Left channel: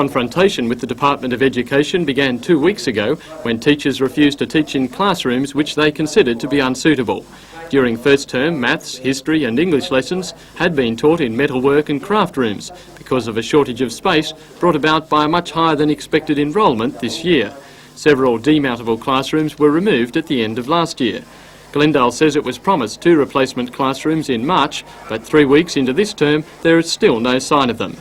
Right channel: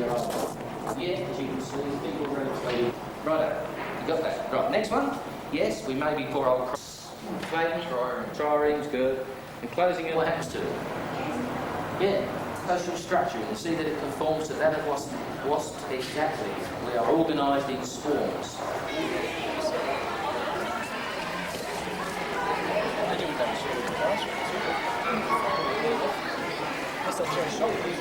confrontation with the Department of Education began 2 weeks ago when teachers refused to teach in classrooms which they considered to be unsuitable. During first term, maths, history and English lessons had been taught in metalwork and craft rooms because of a shortage of space brought about by a much higher than expected enrolment this year. Several demountable classrooms were removed at the end of last year. Glendale says it was promised 2 replacement classrooms in March, but 3 weeks into this term there is still no sign of them.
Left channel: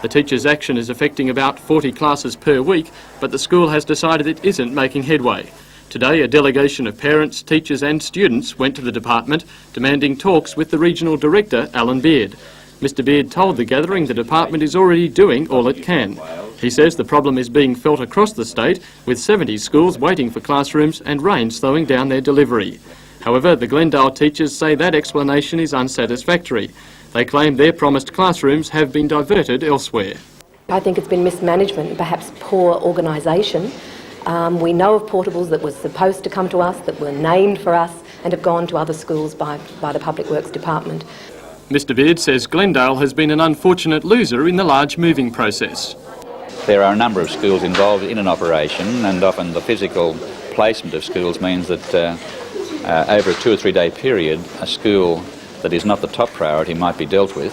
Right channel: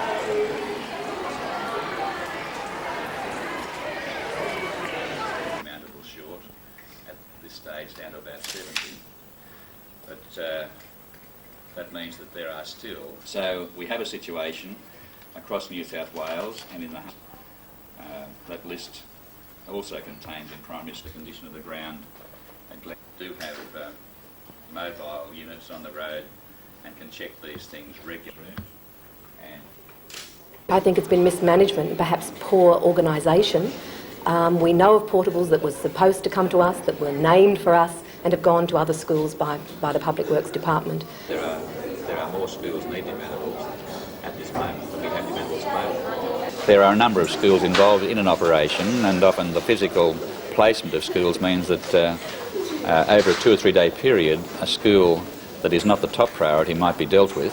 The teachers' action is affecting about 40 classes per week, but the school has decided it isn't making headway. Today, a delegation of parents, teachers and students went to the department demanding talks with the Regional Director, Alan Beard. Mr Beard told the gathering the department is already doing all it can. He says the problem is being felt across the state, with 70 schools waiting for classrooms and rain slowing down their delivery. However, the Glendale teachers say that explanation is unsatisfactory. They claim their promised classrooms have been diverted elsewhere. I think it's been mismanagement and perhaps poor organisation. We know of portables that were supposed to come to us, that were named for us and have gone to other schools by the Public Works Department. Mr Beard says Glendale has been an unfortunate loser in the large moving process. There are a number of schools involved in an operation, and often the physical placement of schools means that over a 2 or 3 day period, a school that is not the top priority might be dealt with,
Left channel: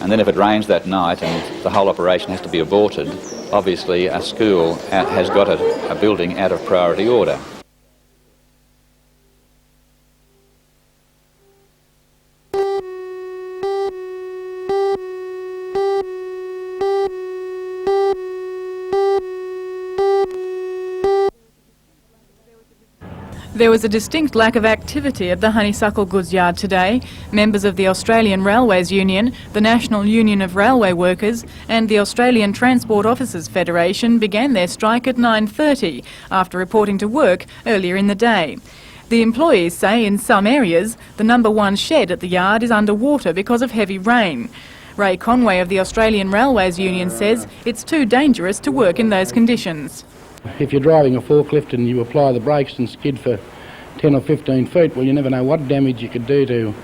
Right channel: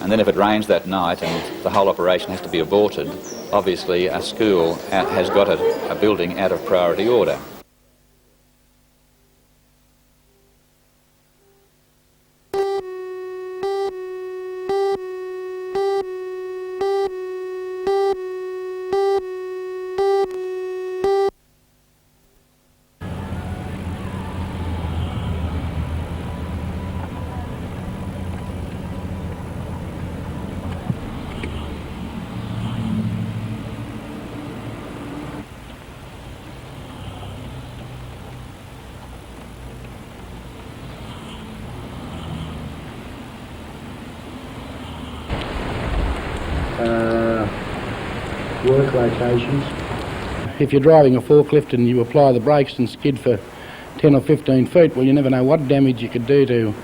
and then if it rains that night and the whole operation has to be aborted, obviously a school has got a building out of priority order. There was a distinct lack of activity at the Honeysuckle goods yard today. Members of the Australian Railways Union, the National Union of Railway Workers and the Australian Transport Officers Federation began their strike at 9:30 after reporting to work earlier in the day. The employees say in some areas the number 1 shed at the yard is underwater because of heavy rain. Ray Conway of the Australian Railways Union says it's too dangerous to work in those conditions. If you're driving a forklift and you apply the brakes and skid for 10 or 15 feet, well, you never know what damage you could do to,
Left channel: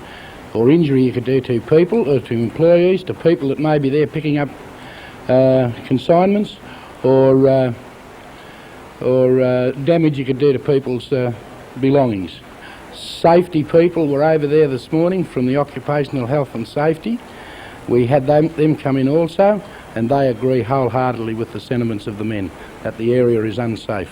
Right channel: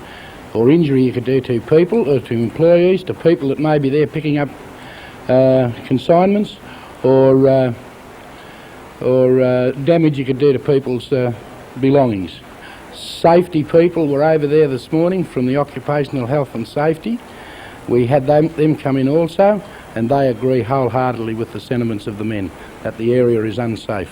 or injury you could do to people, or to employees, to people that may be there picking up consignments, or damage you could do to people's belongings. Safety people were over there this morning from the Occupational Health and Safety. We had them come in also, and they agree wholeheartedly with the sentiments of the men that the area is unsafe.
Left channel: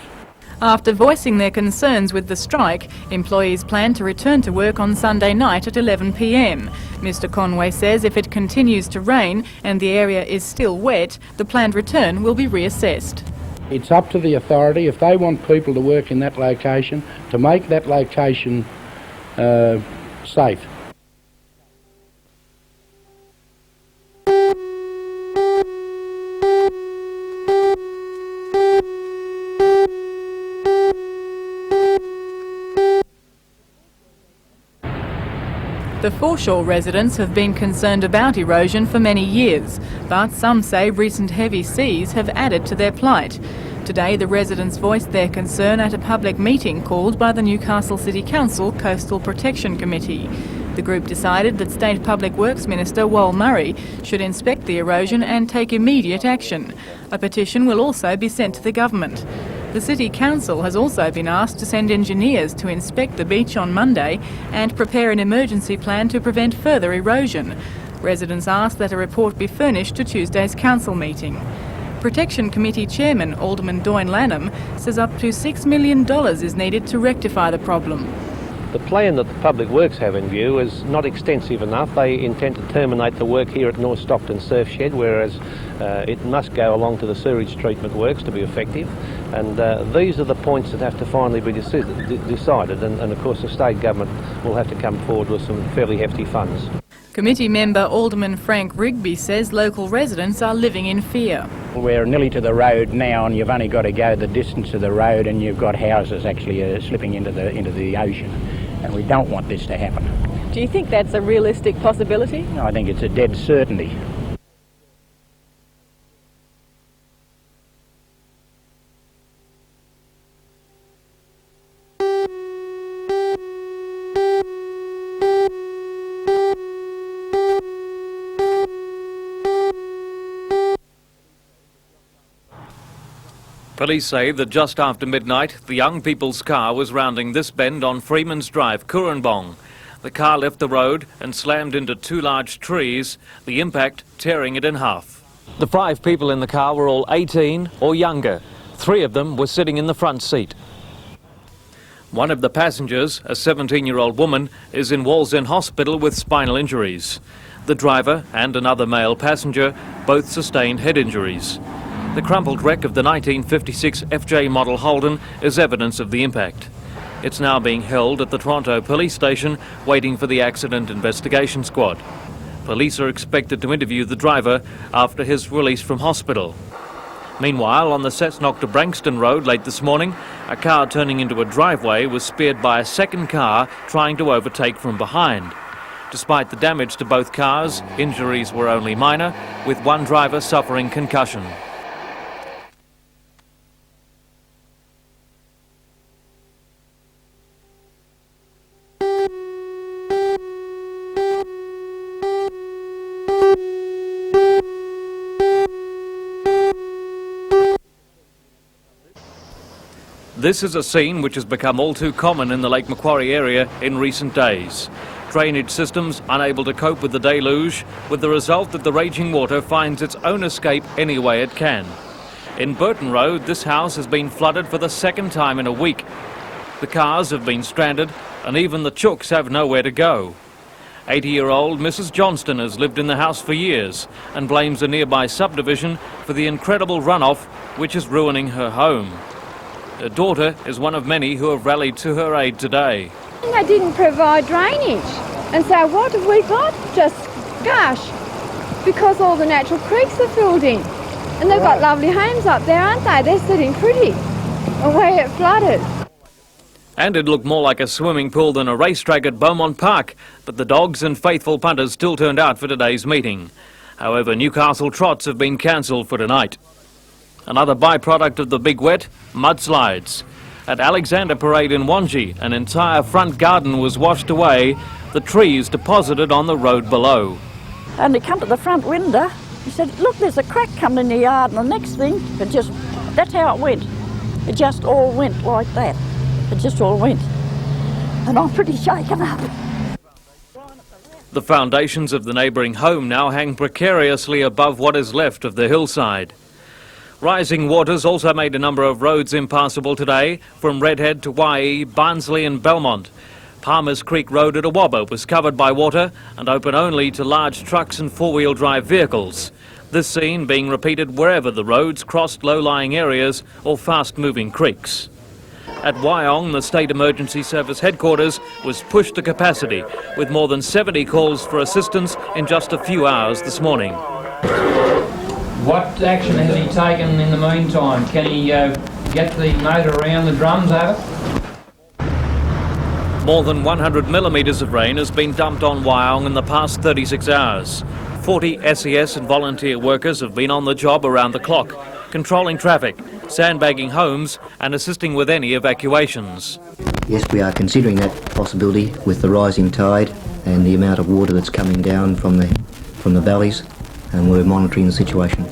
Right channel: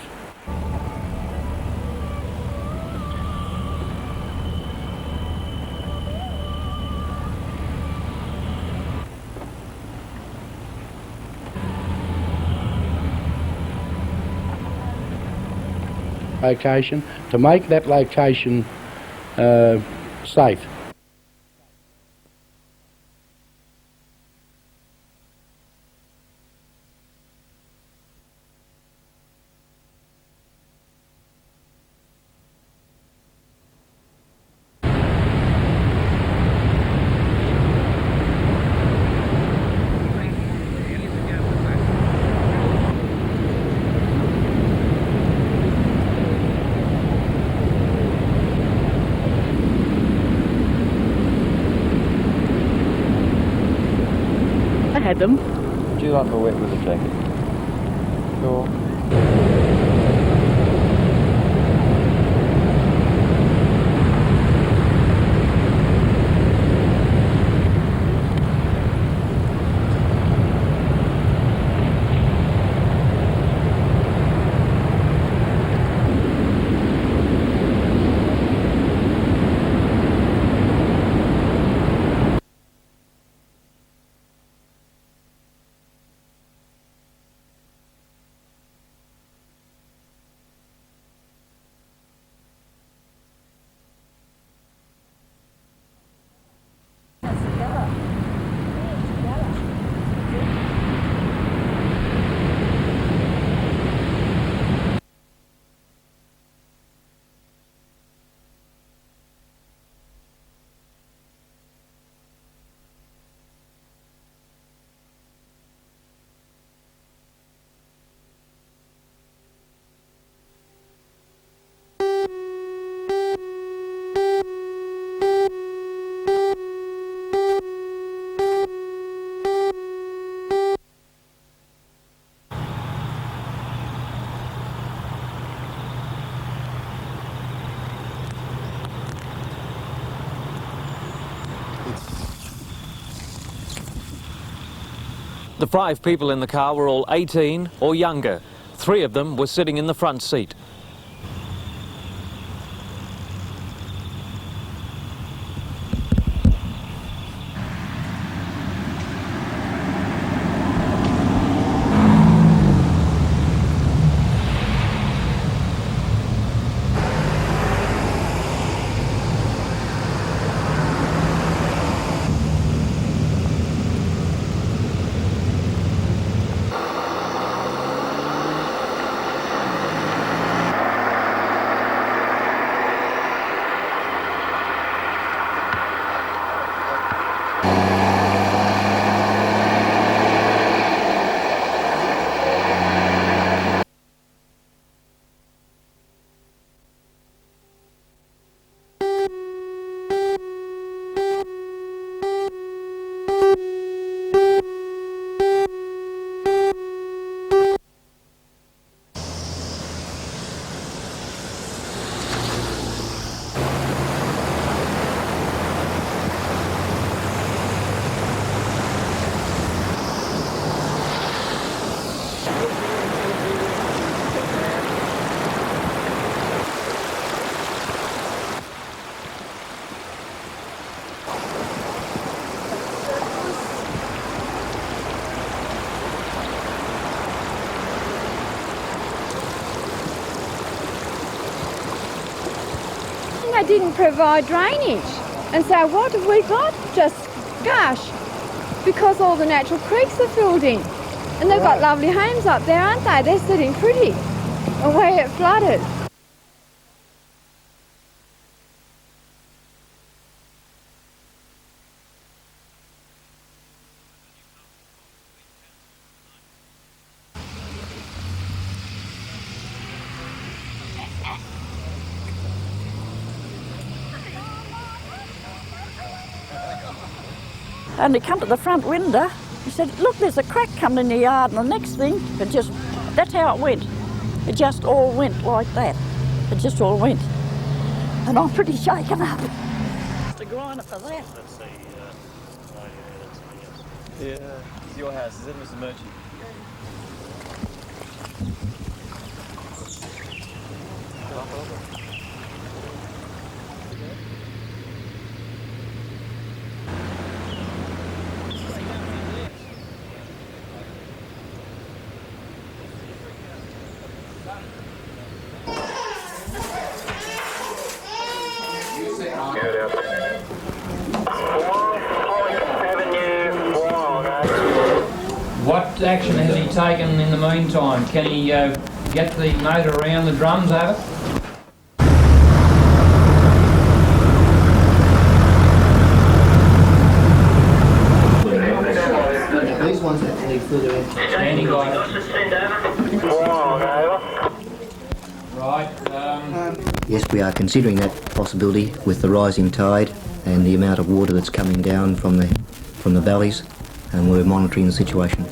After voicing their concerns with the strike, employees plan to return to work on Sunday night at 11 p.m. Mr Conway says if it continues to rain and the area is still wet, the planned return will be reassessed. It's up to the authority, if they want people to work in that location, to make that location safe. The foreshore residents have been concerned about erosion for many years, but some say recent heavy seas have added to their plight. Today the residents voiced their concern at a public meeting called by the Newcastle City Council Coastal Protection Committee. The group decided that State Public Works Minister Wal Murray should inspect the erosion and take immediate action. A petition will also be sent to the government. The City Council has also been asked to send engineers to inspect the beach on Monday and prepare an emergency plan to prevent further erosion. Residents asked that a report be furnished to Tuesday's council meeting. Protection Committee Chairman Alderman Doyne Lanham says up to $6 million is needed to rectify the problem. The plan that the Public Works have in view is not extensive enough. They intend to terminate the work here at North Stockton Surf Shed, whereas it must go along to the sewage treatment works to be effective. And these are the points that have to finally be decided, and of course the state government will have to come forward with some fairly hefty funds. Committee member Alderman Frank Rigby says local residents are living in fear. We're nearly to the road now, and you've only got to go the distance of the road, and you've got houses actually slipping into the ocean, and we don't want this to happen. Do you think that's a realistic possibility? I think it's a dead certainty. Police say that just after midnight, the young people's car was rounding this bend on Freeman's Drive, Kurri. The car left the road and slammed into two large trees, the impact tearing it in half. The 5 people in the car were all 18 or younger. 3 of them were sitting in the front seat. One of the passengers, a 17-year-old woman, is in Wallsend Hospital with spinal injuries. The driver and another male passenger both sustained head injuries. The crumpled wreck of the 1956 FJ model Holden is evidence of the impact. It's now being held at the Toronto police station, waiting for the accident investigation squad. Police are expected to interview the driver after his release from hospital. Meanwhile, on the Cessnock to Branxton Road late this morning, a car turning into a driveway was speared by a second car trying to overtake from behind. Despite the damage to both cars, injuries were only minor, with one driver suffering concussion. This is a scene which has become all too common in the Lake Macquarie area in recent days. Drainage systems unable to cope with the deluge, with the result that the raging water finds its own escape any way it can. In Burton Road, this house has been flooded for the second time in a week. The cars have been stranded, and even the chooks have nowhere to go. 80-year-old Mrs. Johnston has lived in the house for years and blames a nearby subdivision for the incredible runoff which is ruining her home. Her daughter is one of many who have rallied to her aid today. They didn't provide drainage. And so what have we got? Just gush. Because all the natural creeks are filled in. And they've got lovely homes up there, aren't they? They're sitting pretty. The way it flooded. And it looked more like a swimming pool than a racetrack at Beaumont Park, but the dogs and faithful punters still turned out for today's meeting. However, Newcastle trots have been cancelled for tonight. Another byproduct of the big wet, mudslides. At Alexander Parade in Wangi, an entire front garden was washed away, the trees deposited on the road below. And he come to the front window, he said, look, there's a crack coming in the yard, and the next thing, that's how it went. It just all went like that. It just all went. And I'm pretty shaken up. The foundations of the neighbouring home now hang precariously above what is left of the hillside. Rising waters also made a number of roads impassable today, from Redhead to Waihi, Barnsley and Belmont. Palmer's Creek Road at Awabba was covered by water and open only to large trucks and four-wheel drive vehicles. This scene being repeated wherever the roads crossed low-lying areas or fast-moving creeks. At Wyong, the State Emergency Service headquarters was pushed to capacity, with more than 70 calls for assistance in just a few hours this morning. What action has he taken in the meantime? Can he get the motor around the drums over? More than 100 millimetres of rain has been dumped on Wyong in the past 36 hours. 40 SES and volunteer workers have been on the job around the clock, controlling traffic, sandbagging homes and assisting with any evacuations. Yes, we are considering that possibility with the rising tide and the amount of water that's coming down from the valleys, and we're monitoring the situation.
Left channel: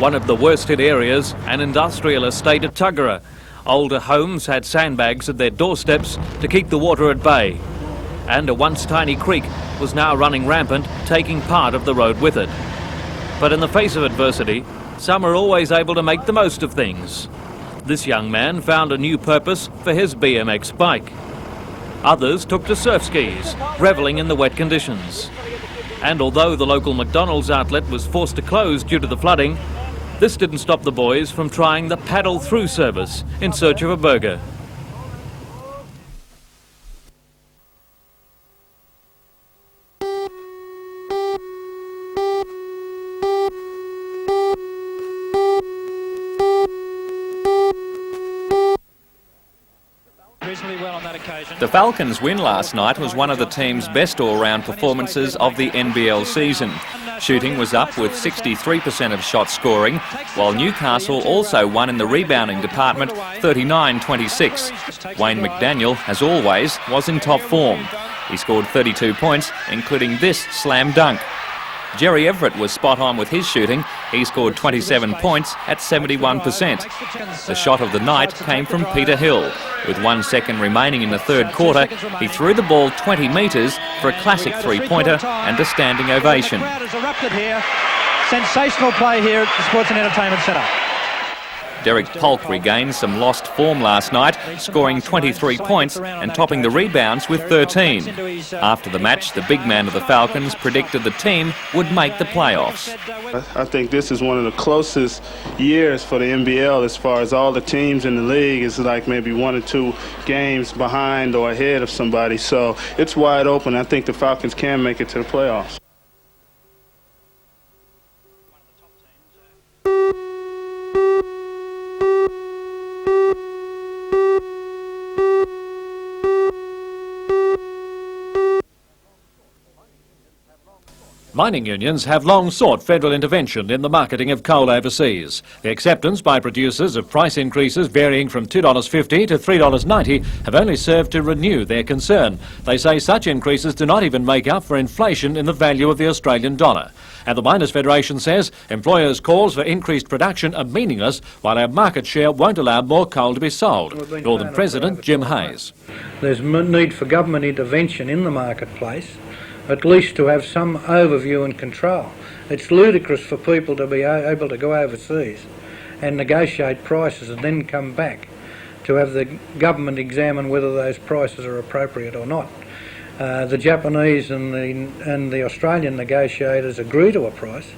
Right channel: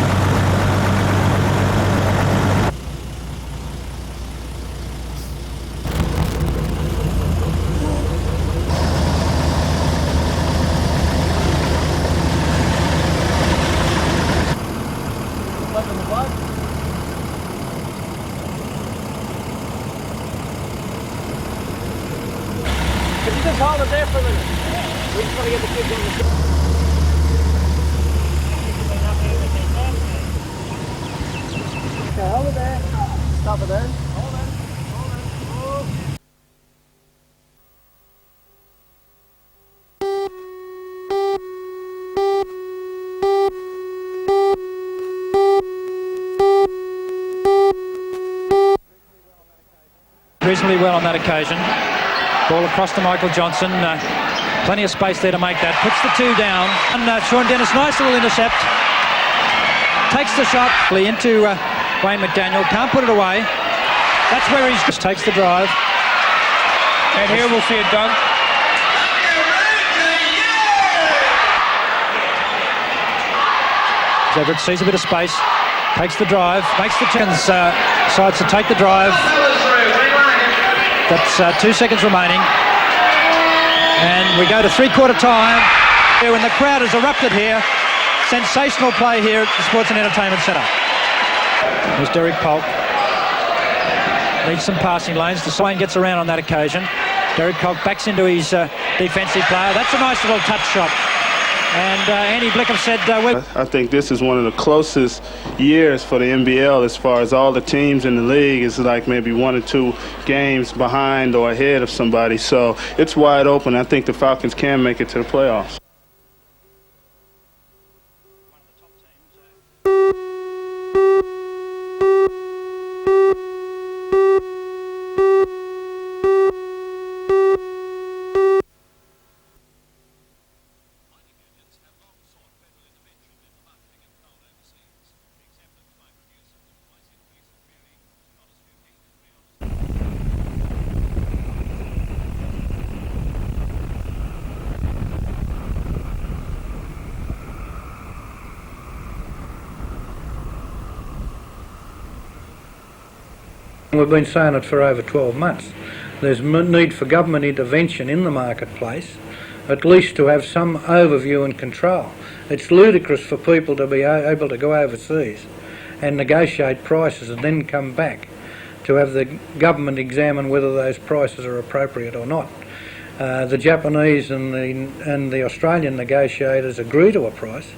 One of the worst hit areas, an industrial estate at Tuggera. Older homes had sandbags at their doorsteps to keep the water at bay. And a once tiny creek was now running rampant, taking part of the road with it. But in the face of adversity, some are always able to make the most of things. This young man found a new purpose for his BMX bike. Others took to surf skis, revelling in the wet conditions. And although the local McDonald's outlet was forced to close due to the flooding, this didn't stop the boys from trying the paddle-through service in search of a burger. Reasonably well on that occasion. The Falcons win last night as one of the team's best all-round plenty of space there to make of the that. NBL season. Sean Dennis, nice little intercept. 63% of shot scoring. Takes the shot Newcastle also won in the Wayne rebounding McDaniel can't put it away. 39-26. That's where he takes Wayne the drive. McDaniel, as always, was in top form. He scored 32 points, including this slam dunk. Jerry Everett was spot on with his shooting. He scored 27 points at 71%. Makes the chance. Shot of the night Decides to take the drive. Peter Hill. With 1 second remaining in the third quarter, 2 seconds remaining. He threw the ball 20 metres. And we go to three-quarter time. And standing And ovation. the crowd has erupted here. Sensational play here at the Sports and Entertainment Centre. Derek Polk regained some lost form last night, scoring 23 points and topping the rebounds with 13. After the match, the big man of the Falcons predicted the team would make the playoffs. I think this is one of the closest years for the NBL as far as all the teams in the league is like maybe 1 or 2 games behind or ahead of somebody. So it's wide open. I think the Falcons can make it to the playoffs. Mining unions have long sought federal intervention in the marketing of coal overseas. The acceptance by producers of price increases varying from $2.50 to $3.90 have only served to renew their concern. They say such increases do not even make up for inflation in the value of the Australian dollar. And the Miners' Federation says employers' calls for increased production are meaningless while our market share won't allow more coal to be sold. We've been saying it for over 12 months. There's need for government intervention in the marketplace, at least to have some overview and control. It's ludicrous for people to be able to go overseas and negotiate prices and then come back to have the government examine whether those prices are appropriate or not. The Japanese and the Australian negotiators agree to a price,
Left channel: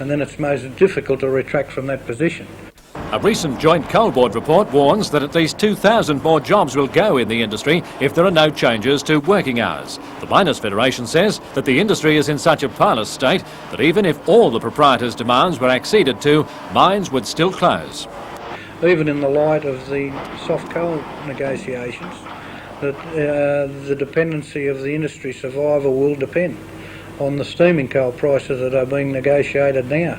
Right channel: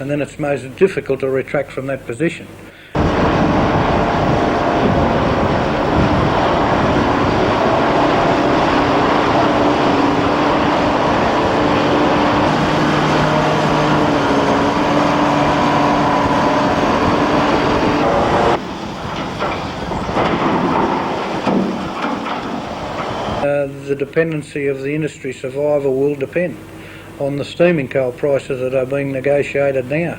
and then it's most difficult to retract from that position. A recent joint coal board report warns that at least 2,000 more jobs will go in the industry if there are no changes to working hours. The Miners' Federation says that the industry is in such a parlous state, even if all the proprietors' demands were acceded to, mines would still close. Even in the light of the negotiations, the dependency of the industry survival will depend on the steaming coal prices that are being negotiated now.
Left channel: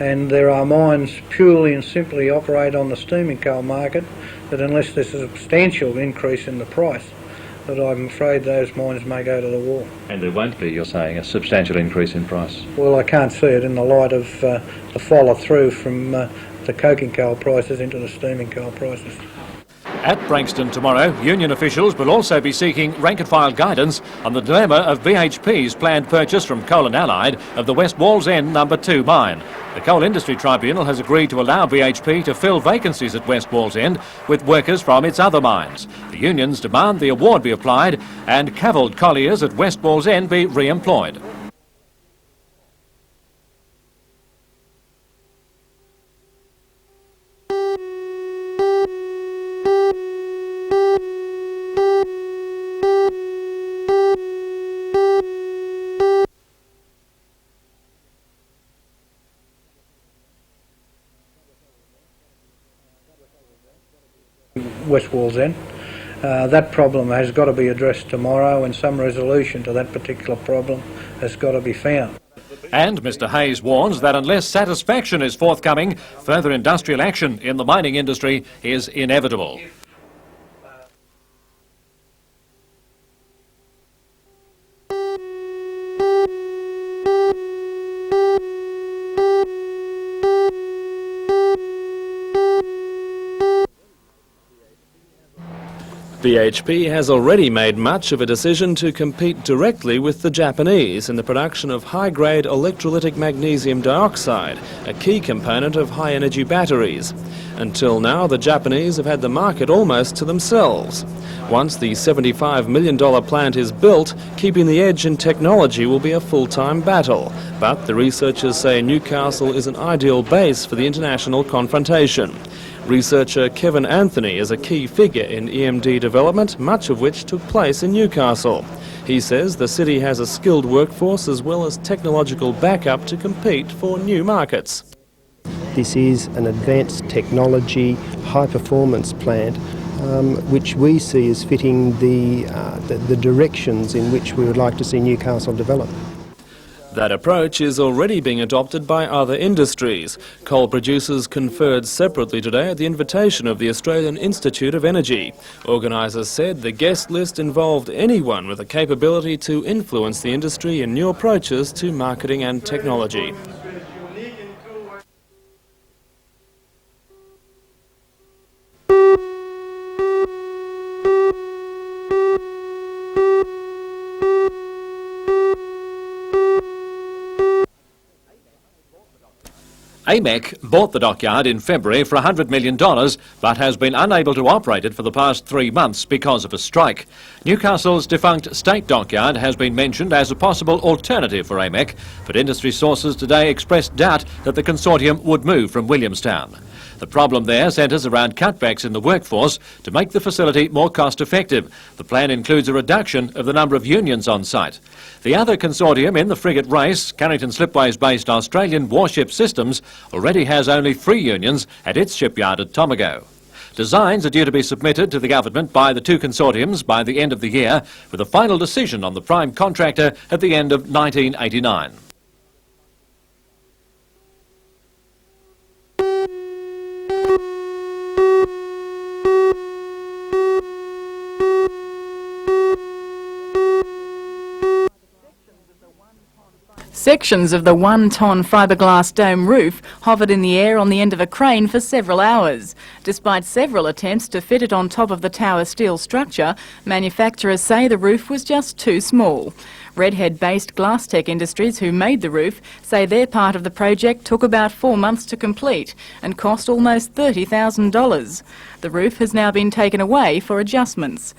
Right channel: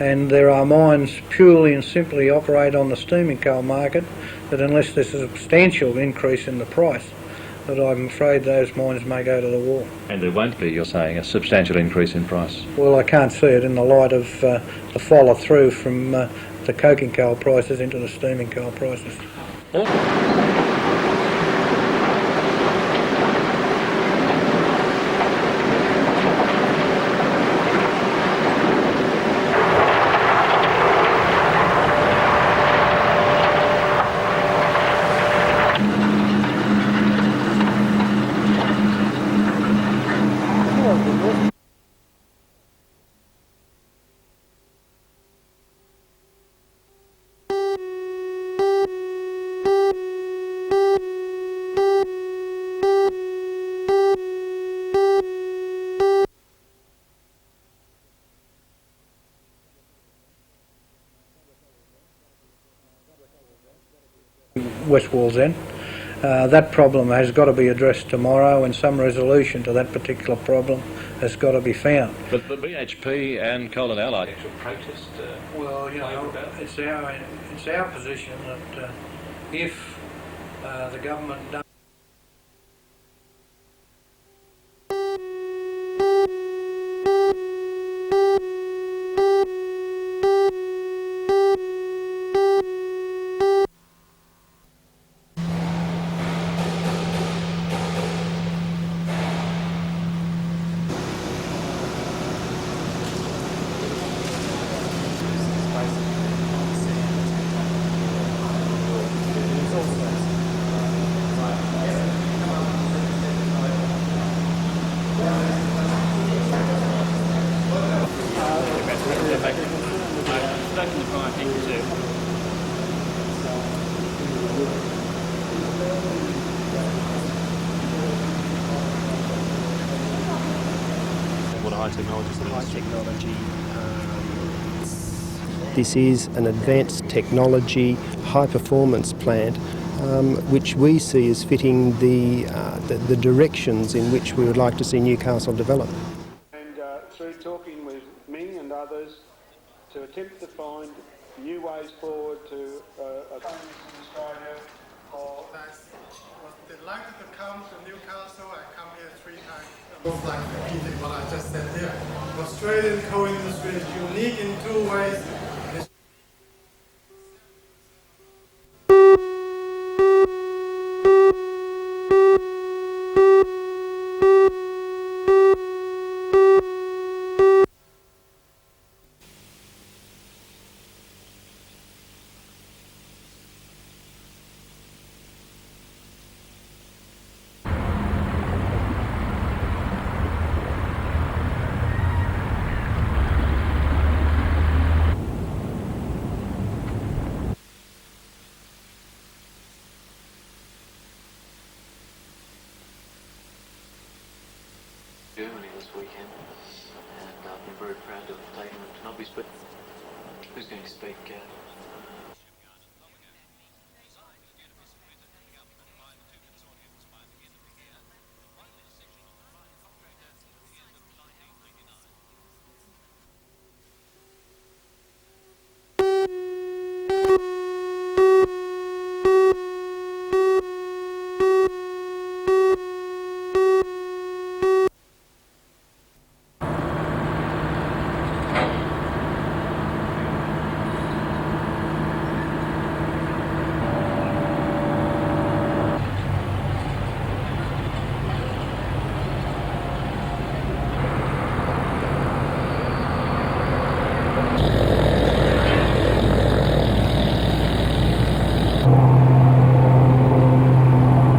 And there are mines purely and simply operate on the steaming coal market that unless there's a substantial increase in the price, that I'm afraid those mines may go to the wall. And there won't be, you're saying, a substantial increase in price? Well, I can't see it in the light of the follow-through from the coking coal prices into the steaming coal prices. At Branxton tomorrow, union officials will also be seeking rank-and-file guidance on the dilemma of BHP's planned purchase from Coal and Allied of the West Wallsend No. 2 mine. The Coal Industry Tribunal has agreed to allow BHP to fill vacancies at West Wallsend with workers from its other mines. The unions demand the award be applied and cavilled colliers at West Wallsend be re-employed. West Wallsend. That problem has got to be addressed tomorrow, and some resolution to that particular problem has got to be found. And Mr Hayes warns that unless satisfaction is forthcoming, further industrial action in the mining industry is inevitable. The government BHP has already made much of a decision to compete directly with the Japanese in the production of high-grade electrolytic magnesium dioxide, a key component of high-energy batteries. Until now, the Japanese have had the market almost to themselves. Once the $75 million plant is built, keeping the edge in technology will be a full-time battle. But the researchers say Newcastle is an ideal base for the international confrontation. Researcher Kevin Anthony is a key figure in EMD development, much of which took place in Newcastle. He says the city has a skilled workforce as well as technological backup to compete for new markets. This is an advanced technology, high-performance plant, which we see as fitting the directions in which we would like to see Newcastle develop. That approach is already being adopted by other industries. Coal producers conferred separately today at the invitation of the Australian Institute of Energy. Organisers said the guest list involved anyone with the capability to influence the industry in new approaches to marketing and technology. AMEC bought the dockyard in February for $100 million, but has been unable to operate it for the past 3 months because of a strike. Newcastle's defunct State dockyard has been mentioned as a possible alternative for AMEC, but industry sources today expressed doubt that the consortium would move from Williamstown. The problem there centres around cutbacks in the workforce to make the facility more cost-effective. The plan includes a reduction of the number of unions on site. The other consortium in the frigate race, Carrington Slipways-based Australian Warship Systems, already has only 3 unions at its shipyard at Tomago. Designs are due to be submitted to the government by the 2 consortiums by the end of the year, with a final decision on the prime contractor at the end of 1989. Sections of the 1-ton fiberglass dome roof hovered in the air on the end of a crane for several hours. Despite several attempts to fit it on top of the tower's steel structure, manufacturers say the roof was just too small. Redhead-based Glasstech Industries, who made the roof, say their part of the project took about 4 months to complete and cost almost $30,000. The roof has now been taken away for adjustments.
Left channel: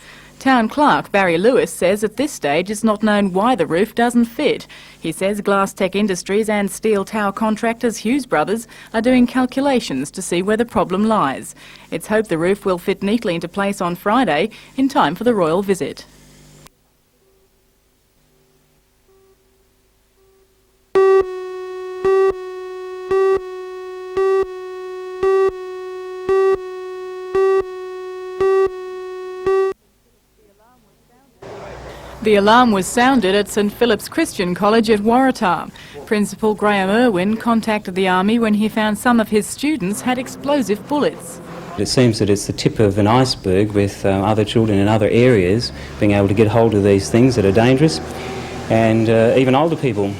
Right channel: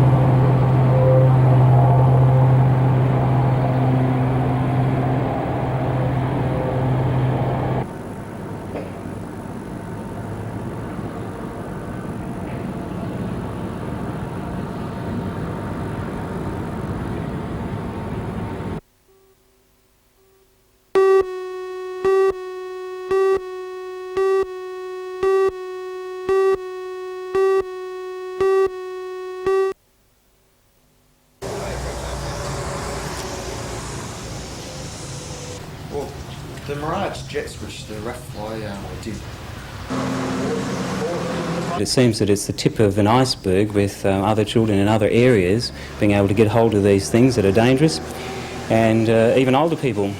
Town Clerk Barry Lewis says at this stage it's not known why the roof doesn't fit. He says Glasstech Industries and steel tower contractors Hughes Brothers are doing calculations to see where the problem lies. It's hoped the roof will fit neatly into place on Friday in time for the royal visit. The alarm was sounded at St Philip's Christian College at Waratah. Principal Graham Irwin contacted the Army when he found some of his students had explosive bullets. It seems that it's the tip of an iceberg, with other children in other areas being able to get hold of these things that are dangerous, and even older people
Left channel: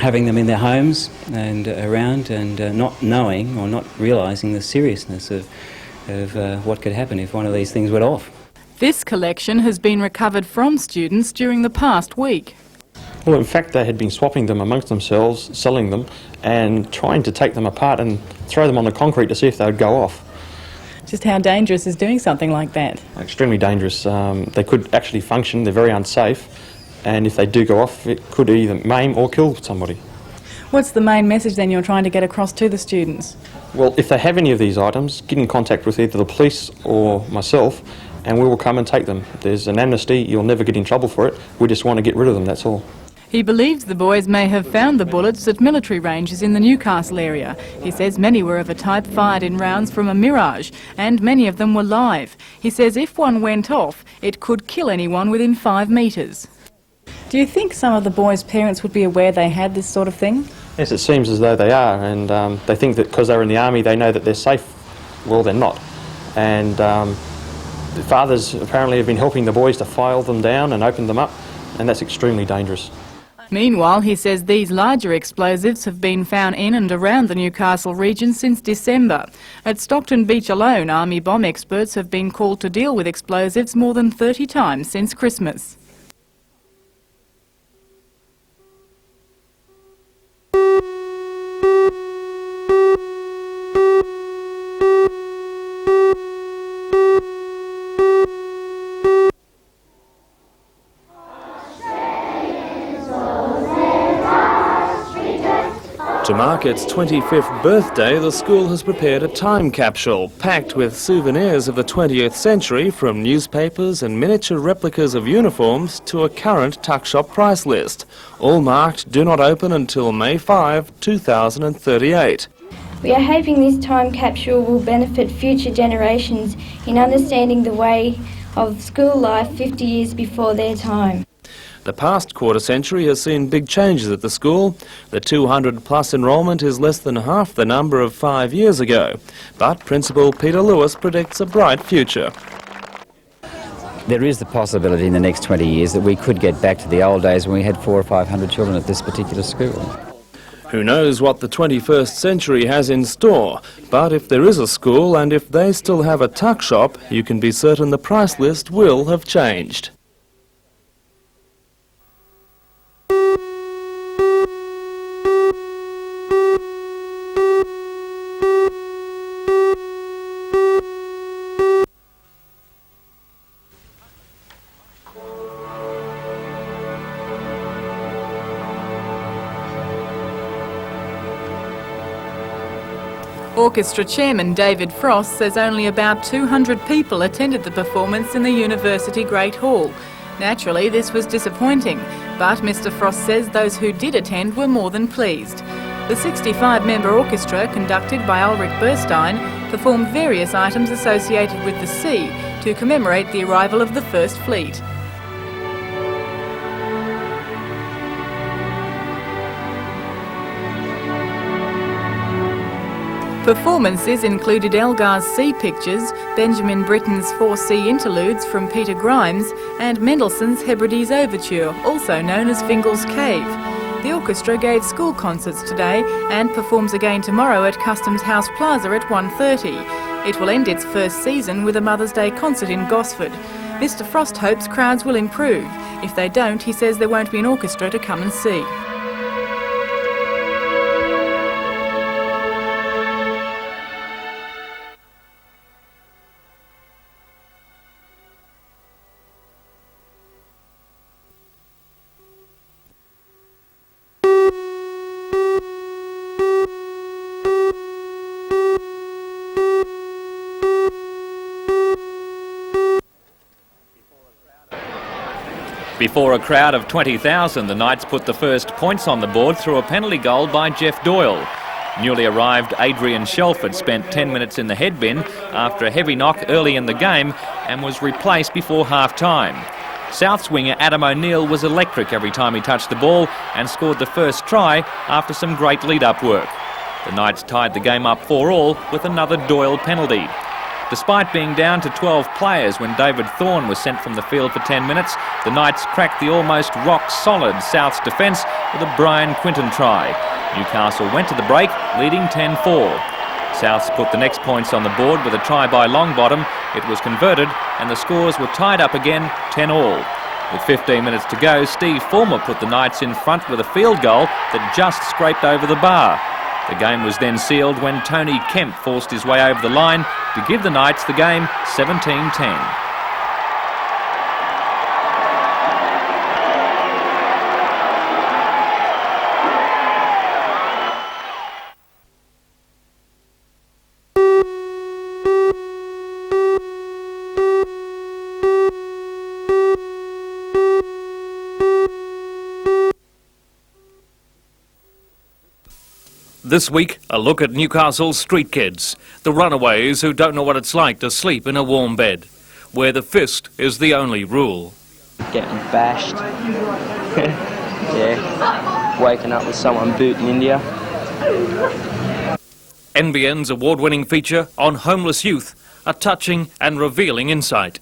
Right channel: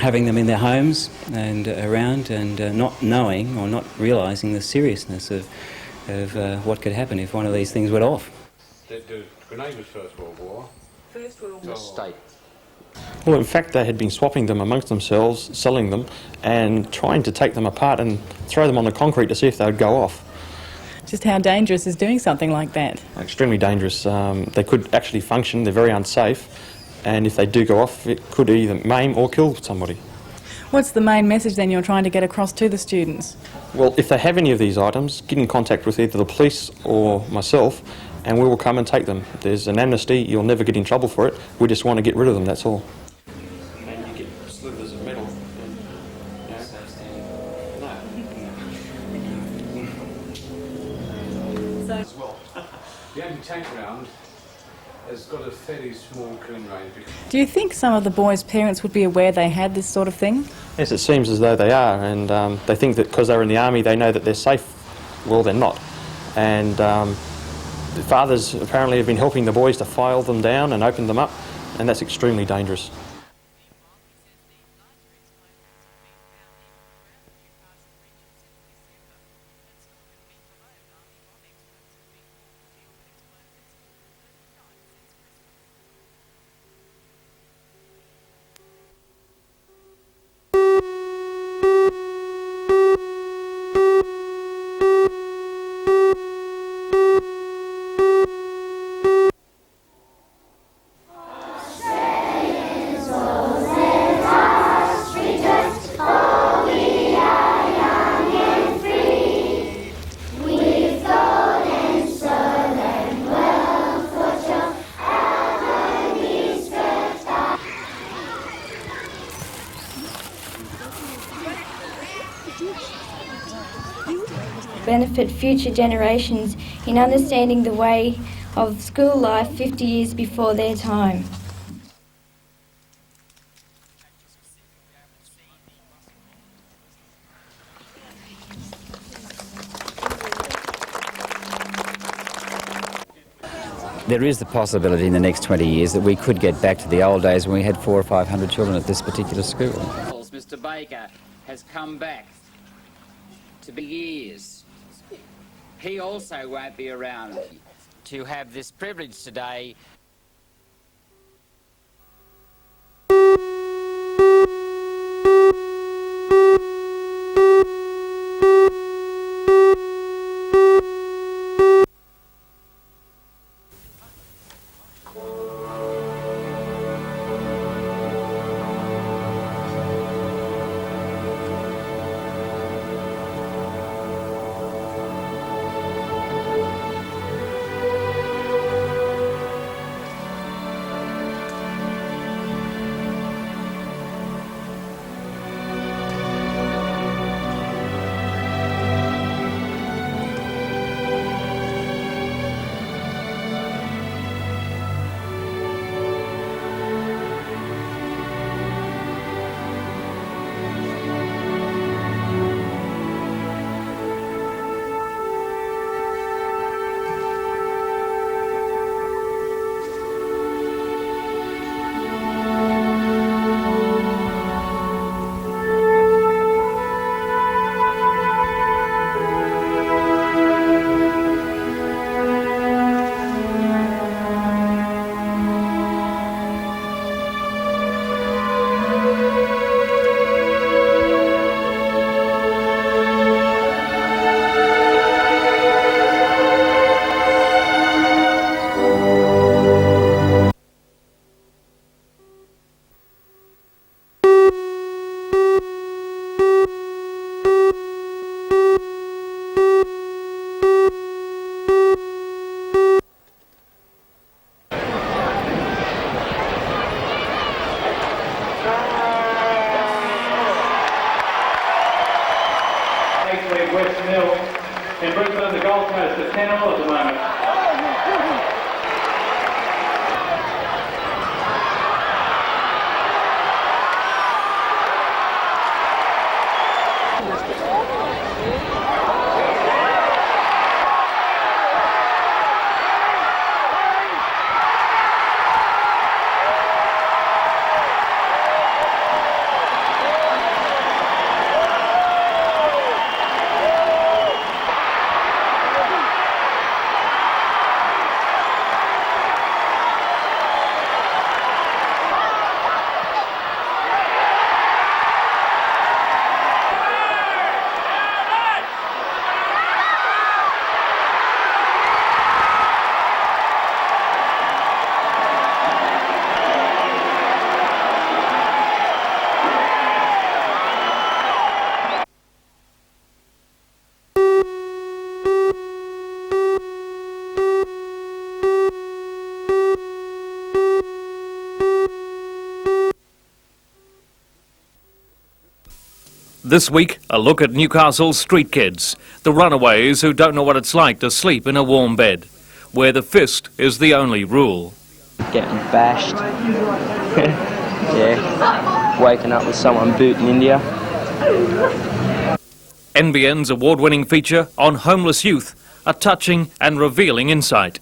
having them in their homes and around, and not knowing or not realising the seriousness of what could happen if one of these things went off. This collection has been recovered from students during the past week. Well, in fact, they had been swapping them amongst themselves, selling them, and trying to take them apart and throw them on the concrete to see if they would go off. Just how dangerous is doing something like that? Extremely dangerous. They could actually function, they're very unsafe, and if they do go off, it could either maim or kill somebody. What's the main message then you're trying to get across to the students? Well, if they have any of these items, get in contact with either the police or myself, and we will come and take them. There's an amnesty, you'll never get in trouble for it. We just want to get rid of them, that's all. He believes the boys may have found the bullets at military ranges in the Newcastle area. He says many were of a type fired in rounds from a Mirage, and many of them were live. He says if one went off, it could kill anyone within 5 metres. Do you think some of the boys' parents would be aware they had this sort of thing? Yes, it seems as though they are, and they think that because they're in the army they know that they're safe. Well, they're not. And the fathers apparently have been helping the boys to file them down and open them up, and that's extremely dangerous. Meanwhile, he says these larger explosives have been found in and around the Newcastle region since December. At Stockton Beach alone, Army bomb experts have been called to deal with explosives more than 30 times since Christmas. Birthday, the school has prepared a time capsule packed with souvenirs of the 20th century, from newspapers and miniature replicas of uniforms to a current tuck shop price list, all marked do not open until May 5, 2038. We are hoping this time capsule will benefit future generations in understanding the way of school life 50 years before their time. The past quarter century has seen big changes at the school. The 200-plus enrolment is less than half the number of 5 years ago. But Principal Peter Lewis predicts a bright future. There is the possibility in the next 20 years that we could get back to the old days when we had 400 or 500 children at this particular school. Who knows what the 21st century has in store, but if there is a school and if they still have a tuck shop, you can be certain the price list will have changed. Orchestra chairman David Frost says only about 200 people attended the performance in the University Great Hall. Naturally, this was disappointing, but Mr Frost says those who did attend were more than pleased. The 65-member orchestra, conducted by Ulrich Burstein, performed various items associated with the sea to commemorate the arrival of the First Fleet. Performances included Elgar's Sea Pictures, Benjamin Britten's 4 Sea Interludes from Peter Grimes, and Mendelssohn's Hebrides Overture, also known as Fingal's Cave. The orchestra gave school concerts today and performs again tomorrow at Customs House Plaza at 1:30. It will end its first season with a Mother's Day concert in Gosford. Mr Frost hopes crowds will improve. If they don't, he says there won't be an orchestra to come and see. Before a crowd of 20,000, the Knights put the first points on the board through a penalty goal by Jeff Doyle. Newly arrived Adrian Shelford spent 10 minutes in the head bin after a heavy knock early in the game and was replaced before half-time. South's winger Adam O'Neill was electric every time he touched the ball and scored the first try after some great lead-up work. The Knights tied the game up 4-4 with another Doyle penalty. Despite being down to 12 players when David Thorne was sent from the field for 10 minutes, the Knights cracked the almost rock-solid South's defence with a Brian Quinton try. Newcastle went to the break, leading 10-4. Souths put the next points on the board with a try by Longbottom. It was converted, and the scores were tied up again, 10-all. With 15 minutes to go, Steve Fulmer put the Knights in front with a field goal that just scraped over the bar. The game was then sealed when Tony Kemp forced his way over the line to give the Knights the game 17-10. This week, a look at Newcastle's street kids, the runaways who don't know what it's like to sleep in a warm bed, where the fist is the only rule. Getting bashed, yeah, waking up with someone booting India. NBN's award-winning feature on homeless youth, a touching and revealing insight.